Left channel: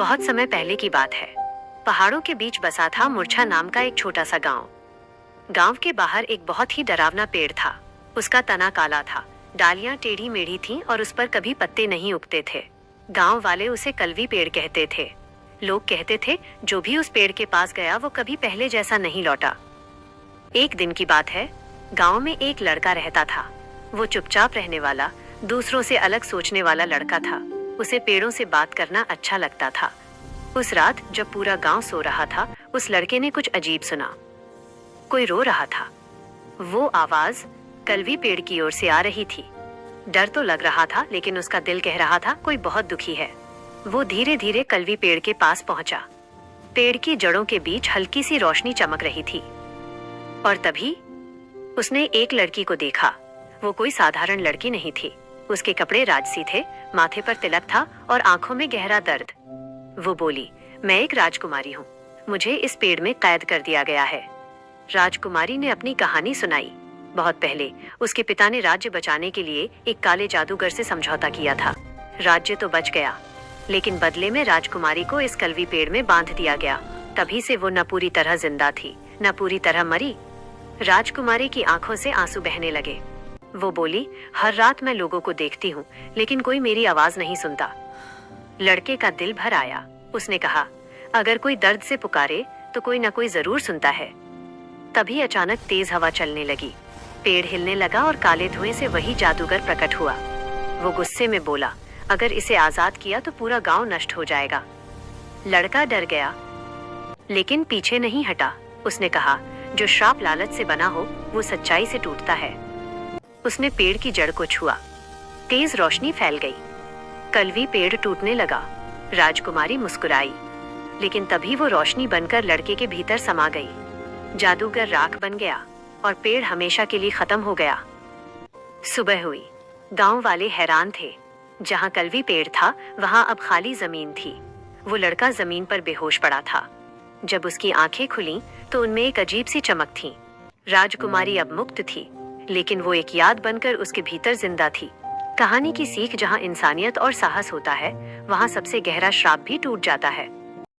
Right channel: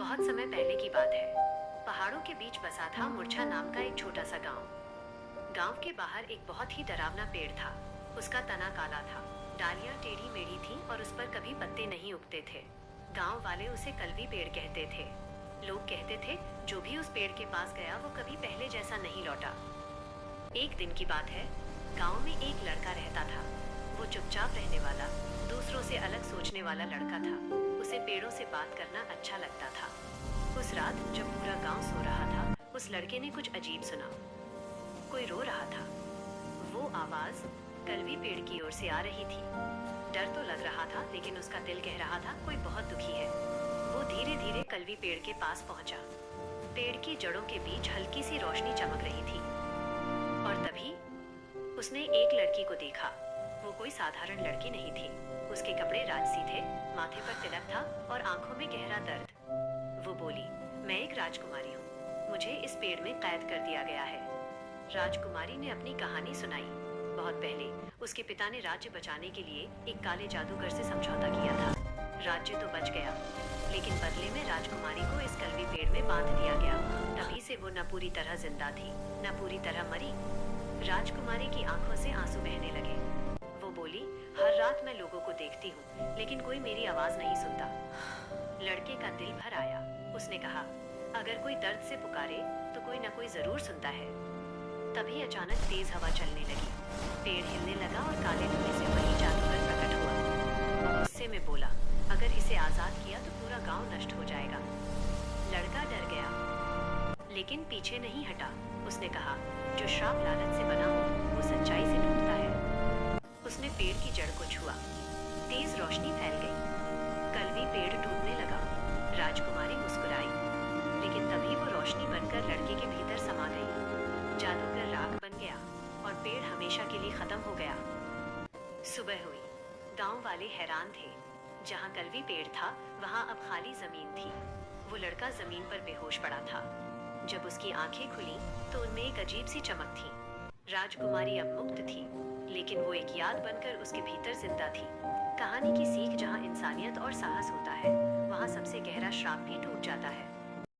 बहुत समय पहले की बात है। पहाड़ों के बीच बसा था मूर्छा नाम का एक छोटा सा गांव। गांव के बाहर एक बहुत ही डरावना पेड़ था। उसका तना काला था, डालियां टेढ़ी मेढ़ी थीं और उस पर कभी पत्ते नहीं उगते थे। गांव वाले उसे कलवी पेड़ कहते थे। लोग कहते थे जो भी उस पेड़ के पास गया वो कभी पहले जैसा नहीं लौटा। एक दिन की बात है। गांव में एक लड़का रहता था। वो चुपचाप रहने वाला, दूसरों से अलग सोचने वाला लड़का था। उसे पेड़ों से बात करना अच्छा लगता था। उस रात जब पूरा गांव सो रहा था, उस लड़के ने कुछ अजीब सुना। कोई रो रहा था। वो आवाज कलवी पेड़ की ओर से आ रही थी। डर तो लग रहा था, लेकिन उसका दिल कह रहा था कोई बहुत दुखी है। वो धीरे धीरे कलवी पेड़ के पास पहुंचा। पेड़ की जड़ों के बीच हल्की सी रोशनी चमक रही थी। और तभी उसने एक लड़की को देखा। वो कोई साधारण लड़की नहीं थी। उसके कपड़े राजसी थे, माथे पर तिलक था और आंखों में गहरा दर्द। वो बोली, मैं एक राजकुमारी हूँ। मुझे इस पेड़ में कैद कर दिया गया है। राजकुमारी ने अपनी कहानी सुनाई। बहुत पहले उसके पिता ने राज्य बचाने के लिए एक काले जादूगर से समझौता किया था। राज्य तो बच गया, लेकिन बदले में राजकुमारी को इस कलवी पेड़ में बांध दिया गया। तभी से वो न पूरी तरह जिंदा थी, न पूरी तरह मरी। राजकुमारी की आंखों से आंसू बहने लगे। वो बोली, हर रात मैं लोगों को देखती हूँ, लेकिन कोई मेरी आवाज नहीं सुनता। लड़के का दिल भर आया। उसने कहा, अगर कोई दर्द से पुकारे तो कोई न कोई जरूर सुनता है। तभी अचानक तेज हवा चलने लगी। पेड़ हिलने लगा और काले धुएं से वही जादूगर प्रकट हुआ। वो गुस्से में बोला, अगर इसे आजाद किया तो पूरा गांव नष्ट हो जाएगा। लड़का डर गया, लेकिन पीछे नहीं हटा। उसने कहा, जो श्राप लालच से बना हो वो सच्चाई से टूटता है। उसने पेड़ की जड़ को छुआ। तेज रोशनी फैल गई। कलवी पेड़ टूटने लगा। राजकुमारी मुस्कुराई, लेकिन तभी वो रोशनी बनकर लड़के के भीतर समा गई। जादूगर राख बन गया और पेड़ हमेशा के लिए खत्म हो गया। सुबह हुई। गांव वाले हैरान थे। जहां कलवी पेड़ था, वहां अब खाली जमीन थी। वो लड़का जमीन पर बेहोश पड़ा था। जब उसकी आंखें खुलीं, तो उनमें एक अजीब सी चमक थी। राजकुमारी अब मुक्त थी, लेकिन वो एक याद बनकर उसके भीतर जिंदा थी। कहानी की सीख, जहां इंसानियत और साहस होता है, वहां सबसे गहरा श्राप भी टूट जाता है।